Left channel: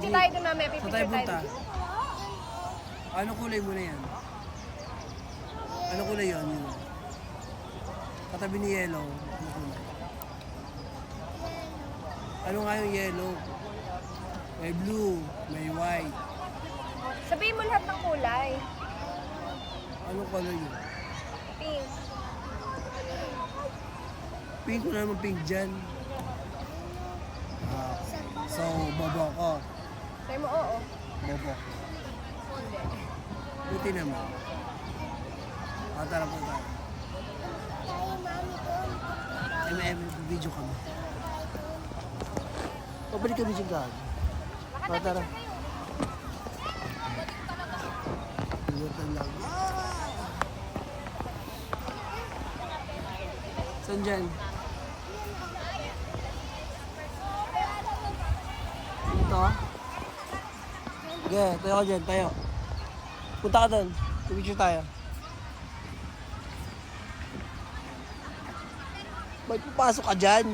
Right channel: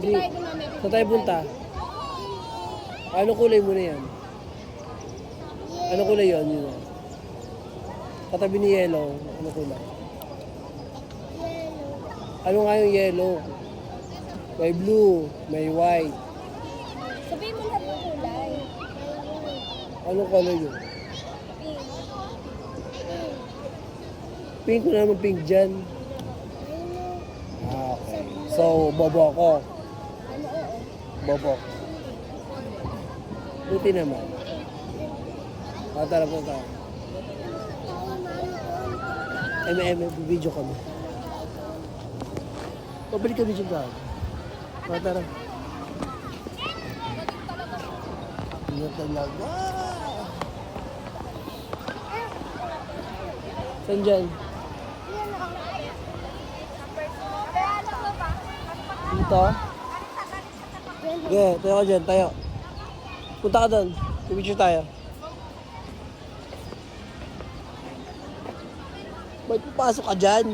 Picture tayo doon namin. Saan tayo punta? Anong kulay mo na yan? Anong kulay yun? Yun. Katabi ni yellow. Anong kulay? Ano nga yung yellow? May blue, may white. Sabihin mo lahat ng kulay. Anong color yun? Pink. Pink ko naman pink dyan. Ah, okay. So, bobo ako. Sabi mo oo. Bobo ako. Buti naman. Tara po tayo. Video kami. Pabalik kami dyan ka. Tara. Ingat talaga. Saan dyan? Dito? Okay, tayo ka dyan, tayo. Punta ka doon. Picture tayo. Ba't papasok ka dyan?